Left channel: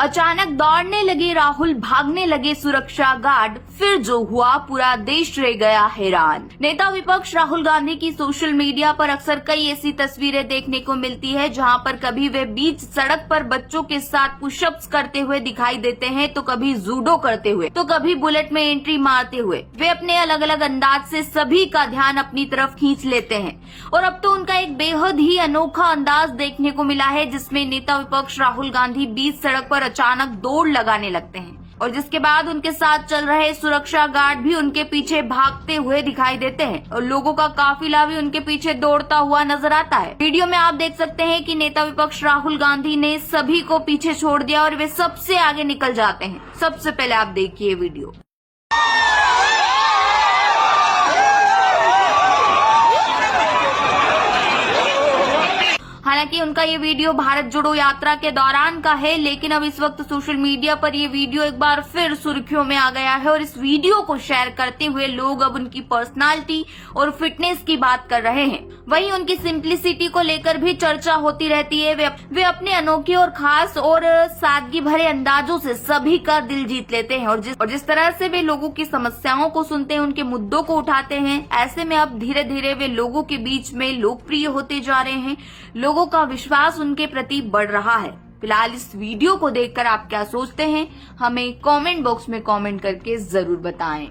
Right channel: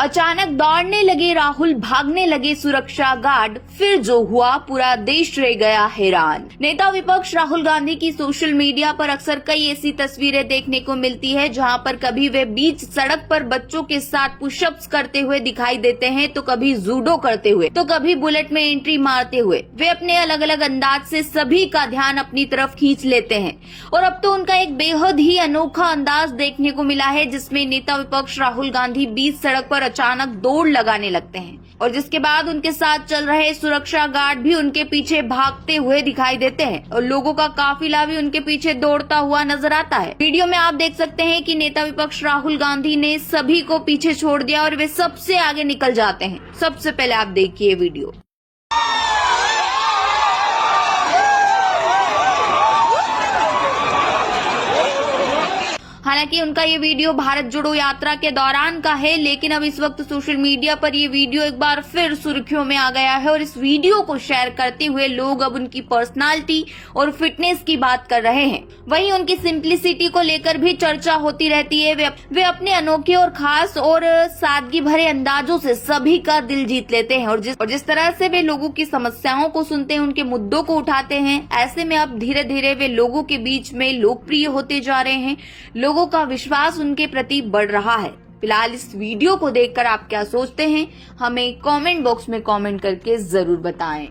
अचानक दौड़ने लगे राहुल, भागने लगे सुरक्षा गार्ड, फिर जो हुआ पूरा देश रह गया हैरान। नेता विपक्ष राहुल गांधी की सोशल मीडिया पर अक्सर कई ऐसी तस्वीरें देखने को मिलती है जहां पर कभी वे बीच सड़क पर बच्चों के साथ पुशअप्स करते हुए दिखाई देते हैं, तो कभी जूडो करते हुए, तो कभी बुलेट में एंट्री मारते हुए। वे अपने अलग अलग अंदाज से सभी का ध्यान अपनी तरफ खींच लेते हैं और अब तो उनका एक बेहद ही अनोखा अंदाज देखने को मिला है, जिसमें नेता विपक्ष राहुल गांधी बीच सड़क पर अचानक दौड़ लगाने लगते हैं और जिसके बाद उनके साथ चल रहे सुरक्षा गार्ड भी उनके पीछे भागते हुए दिखाई देते हैं और लोगों का काफिला भी उनके पीछे दौड़ता हुआ नजर आता है। वीडियो में आप देख सकते हैं कि नेता विपक्ष राहुल गांधी ने सभी को पीछे छोड़ दिया और वे सबसे आगे निकल जाते हैं। सबसे पहले आप देखिए वीडियो। हालांकि उनका ये वीडियो भारत जोड़ो यात्रा के दौरान का है, लेकिन अब इस वक्त सोशल मीडिया पर ये वीडियो एक बार फिर सुर्खियों में आ गया है और इस वीडियो को शेयर करते हुए लोग अब उनकी पर्सनालिटी और फिटनेस की बात कर रहे हैं। वहीं उनकी सिंप्लिसिटी को लेकर भी चर्चा होती रहती है। वे अपने अनोखे और खास और सादगी भरे अंदाजों से सभी का दिल जीत लेते हैं और जिस तरह से वे लोगों की समस्याओं को सुनते हैं, उनके मुद्दों को उठाते हैं, ऐसे में अब धीरे धीरे वे लोगों के बीच में लोकप्रिय होते जा रहे हैं। लोगों का विश्वास उनके प्रति बढ़ रहा है। फिलहाल इस वीडियो को देखकर आप क्या सोचते हैं, हमें कमेंट बॉक्स में कमेंट करके जरूर बताएं।